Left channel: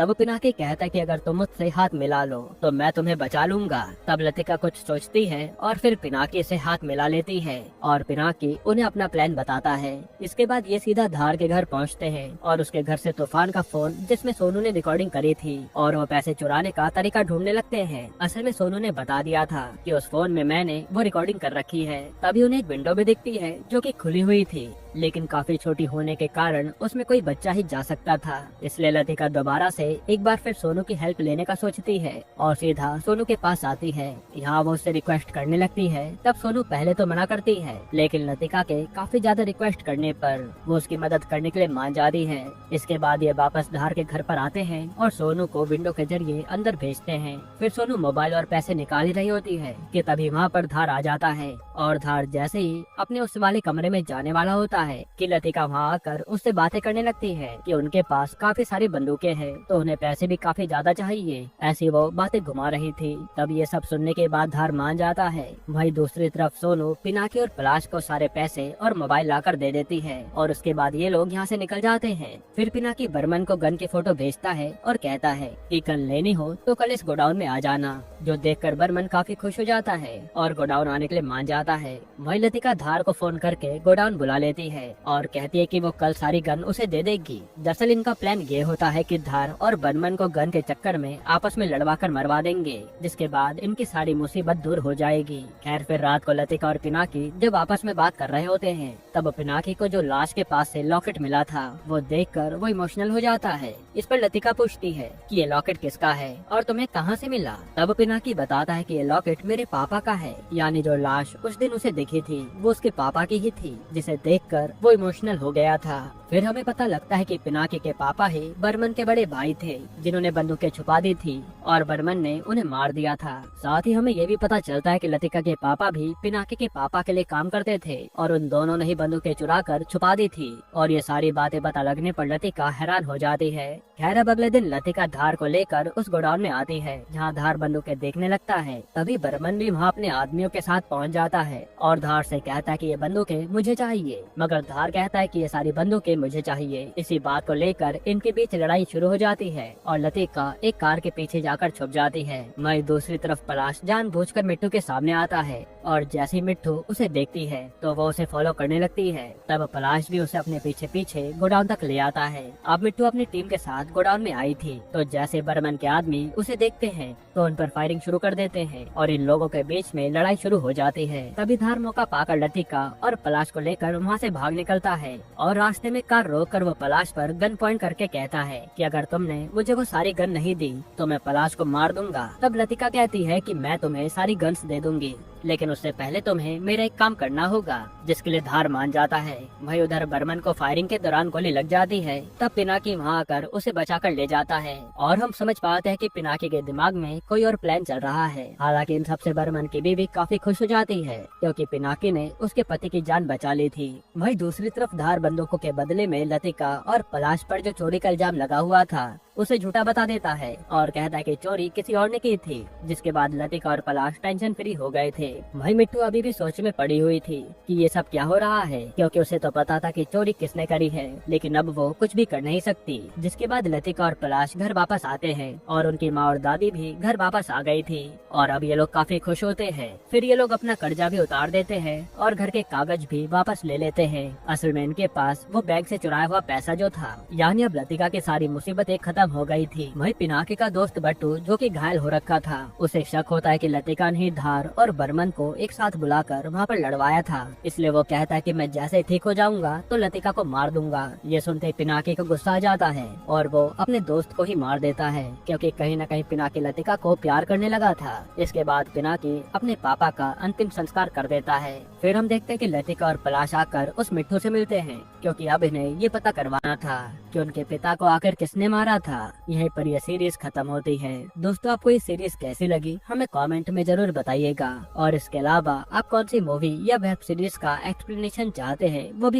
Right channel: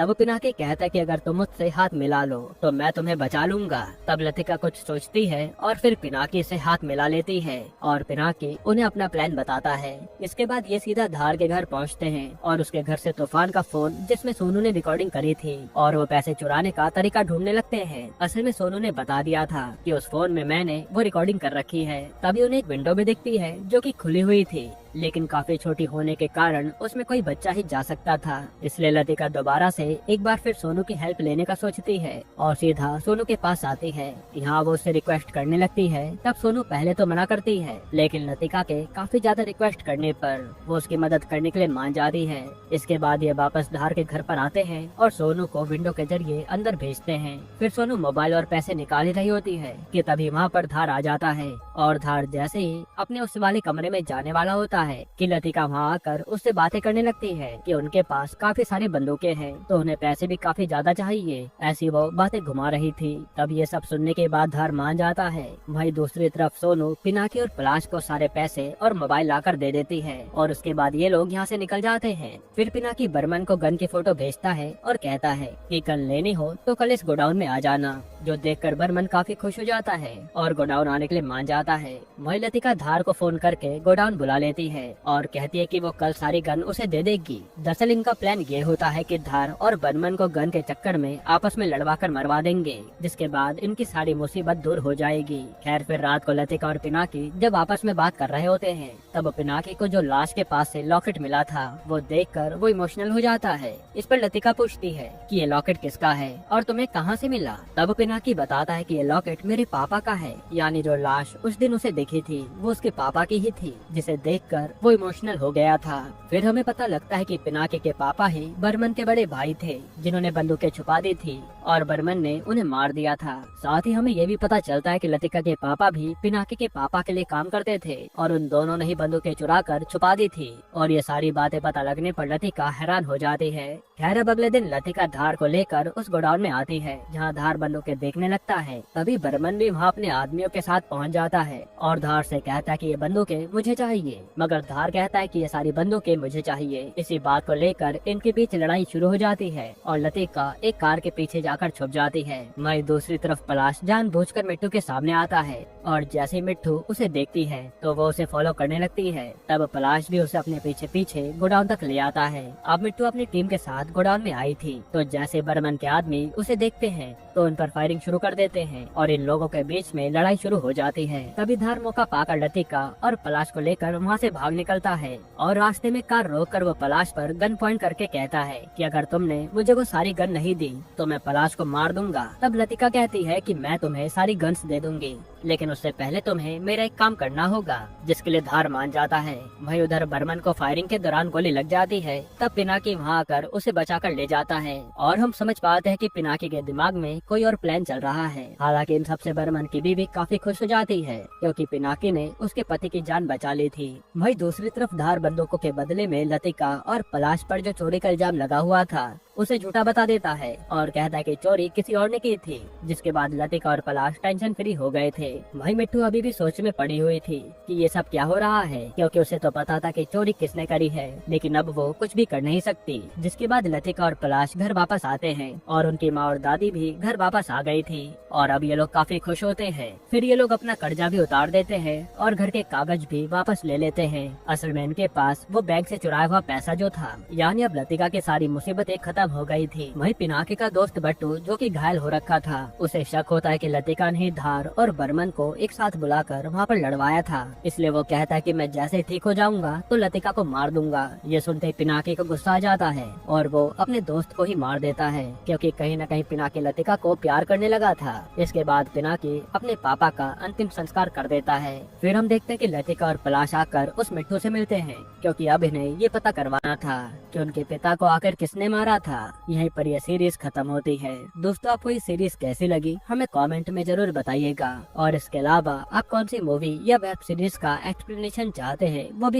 तब पिनाकी कहता है कि अगर तुम मुझसे हाथ मिला लो तो मैं तुम्हें बचा लूंगा। तब लतिका कुछ सोचती है और फिर पिनाकी से हाथ मिला लेती है और पिनाकी उन्हें अपना प्लान बताता है। इसके बाद ये सीधा धार के घर पहुंचते हैं और उसके घर से तूफान का फोन जिसमें सोनू ने रिकॉर्डिंग करी थी और वो पैसे चुराने का तरीका ढूंढने लगते हैं। असल में सोनू ने बता दिया था कि उस फोन में मैंने वो रिकॉर्डिंग कर रखी है। तभी उन्हें एक विंडो भी दिखती है जो कि खुली हुई थी, लेकिन काफी छोटी होने के कारण उसमें कोई बच्चा ही जा सकता था। इसलिए लतिका दोबारा से एक बार फिर सोनू की हेल्प लेने का सोचती है और सीधा सोनू के पास आती है। यहाँ वो उससे रिक्वेस्ट करने लगती है। तब सोनू पहले तो मना करती है, लेकिन लतिका के काफी ज्यादा रिक्वेस्ट करने पर वो उसकी मदद करने के लिए मान जाती है। इसके बाद ये वापस धार के घर पर आते हैं और सोनू को विंडो के जरिए अंदर भेजते हैं। फिर सोनू मोबाइल और पैसे निकाल रही होती है कि तभी वहाँ पर धार आ जाता है और धार जैसे ही अपने उस वाले कमरे में जाने वाला होता है कि लतिका वहाँ आकर उससे बातें करने लगती है कि उनके पास काफी सारी बंदूकें हैं तो उन्हें पैसे भी काफी ज्यादा चाहिए। ऐसी वो बातें घुमा रही थी। तब ये सब सुनने के बाद धार मान जाता है। वही दूसरी तरफ सोनू पिनाकी और पलाश को सारे पैसे और मोबाइल लाकर दे देती है और उसके बाद ये लोग यहाँ से निकल जाते हैं। फिर पिनाकी बर्मन को गन की फोटो भेजता है और कहता है कि गन लेनी हो तो कल इस गोडाउन में आ जाना, जो देखकर बर्मन काफी खुश हो जाता है और गोडाउन आने के लिए मान जाता है। वही लतिका धार को फोन करके गोडाउन बुला लेती है और कहती है कि वो कल सारी गन उसे दे देगी। दरअसल इनका प्लान ये होता है कि धार और बर्मन को गन के चक्कर में आपस में लड़वा कर मरवा देंगे, जिसके बाद इनकी सारी मुसीबत दूर हो जाएगी। खैर फिर रात को लतिका और पिनाकी जब आपस में बात कर रहे होते हैं तब पिनाकी को जो लाश के पास से लॉकेट मिला था वो देखकर वो इमोशनल हो जाता है। इस पर लतिका पूछती है कि ये लॉकेट किसका है और तुम्हें कहाँ से मिला। तब पिनाकी बताता है कि ये लॉकेट मेरे पापा का है, यानी जो लाश उस दिन उसे दिखी थी वो उसके पापा की ही थी, जिसे देखकर वो इमोशनल हो गया था। फिर हमें पता लगता है कि पिनाकी के पापा ही बर्मन के बड़े भाई थे जिन्होंने बंदूकें छुपा दी थी और बर्मन ने उन्हें मार दिया था। साथ ही हमें ये भी पता चलता है कि लतिका के पापा भी पिनाकी के पापा के लिए काम करते थे और उन दोनों ने ही बंदूकें चुरा कर छुपा दी थी। और ये सारी बातें पता लगने पर लतिका हैरान हो जाती है। खैर अब अगले दिन लतिका धार को लेकर उस गोडाउन में आती है जहाँ धार बंदूकें देखने लगता है। तभी बर्मन भी वहाँ अपने आदमियों के साथ पहुँच जाता है और धार से कहता है कि ये बंदूकें मुझे चाहिए, मगर धार कहता है कि ये सारी बंदूकें मुझे चाहिए। इसी बात को लेकर इनके बीच लड़ाई शुरू हो जाती है और लतिका एक कार के पीछे जाकर छुप जाती है। वहीं दूसरी तरफ पलाश जानबूझकर मिट्टू के सामने आता है और जैसे ही मिट्टू उसे देखती है तो वो उसे फॉलो करने लगती है। तब पलाश भी उसे अपने पीछे पीछे गोडाउन तक ले आता है। अब मिट्टू अपनी टीम के साथ गोडाउन में आई थी तो जैसे बर्मन के आदमी उसे देखते हैं तो उन पर फायरिंग शुरू कर देते हैं और इन लोगों के बीच में लड़ाई शुरू हो जाती है। तभी धार मौका पाकर लतिका और पलाश को लेकर वहाँ से भाग निकलता है और रास्ते में कार रोककर वो पलाश पर गन पॉइंट करके कहता है कि अगर तुमने मुझे वो सारी गन नहीं दी तो मैं पलाश को मार दूंगा। तब लतिका कहती है कि मैं तुम्हें सारी गन्स दे दूंगी, लेकिन उससे पहले तुम्हें मेरा एक काम करना होगा, जिसके लिए धार मान जाता है। वही उधर बर्मन को फायरिंग के दौरान गोली लग जाती है। तब पिनाकी वहाँ आकर उसे बचाकर ले जाता है और हम समझ पाते हैं कि पिनाकी के दिमाग में कोई और प्लान चल रहा है। हालांकि इन सबसे बर्मन की बीवी काफी खुश हो जाती है क्योंकि पिनाकी ने उसके पति की जान बचा ली थी। वही दूसरी तरफ धार बंदूकों के बदले में लतिका और पलाश पर जो चोरी का इल्जाम लगा हुआ था उसे झूठा बता देता है और कहता है कि चोरी किसी और ने की थी, जिसके बाद लतिका और पलाश टेंशन फ्री हो गए थे। वही मिट्टू अभी भी सोच में पड़ी हुई थी कि ये सब क्या हो रहा है, क्योंकि उसे तो पता था कि चोरी किसने करी है, लेकिन अब वो कुछ भी कर नहीं सकती। जिसके बाद लतिका और पलाश घर वापस आते हैं और उनकी माँ और दादी भी घर वापस आ गई थी और अब ये लोग काफी खुश होते हैं। फिर ये लोग अपना कर्जा भी उतार देते हैं और घर के कागज भी वापस ले लेते हैं। असल में इनके पास वो बैंक से चुराया हुआ पैसा जो था, यानी अब लतिका की सारी मुसीबतें खत्म हो गई थी। वही पिनाकी का दोस्त बट्टू जो कि घायल हो रखा था, उसे शक होता है कि लतिका ने धार और बर्मन को एक साथ बुलाकर वहाँ पर लड़वाया था। इसलिए वो कहता है कि मैं जैसे ठीक हो जाऊंगा तो लतिका को मार दूंगा। ये सुनते ही पिनाकी को गुस्सा आ जाता है और वो अपने दोस्त को ही मार देता है, क्योंकि कहीं न कहीं पिनाकी लतिका को प्यार करने लगा था। इसके बाद पिनाकी अपने पापा का अंतिम संस्कार कर देता है। फिर हम देखते हैं कि लतिका और पलाश आकर उस मिट्टू से मिलते हैं, क्योंकि अब इन्हें ये पता करवाना था कि उनके पिता को आखिर किसने मारा था। यहीं पर यह सीरीज खत्म होती है। दोस्तों आपको ये सीरीज कैसी लगी हमें कमेंट में जरूर बताइएगा, और इसके अलावा आप कौन सी मूवी या वेब सीरीज का एक्सप्लेनेशन चाहते हैं वो भी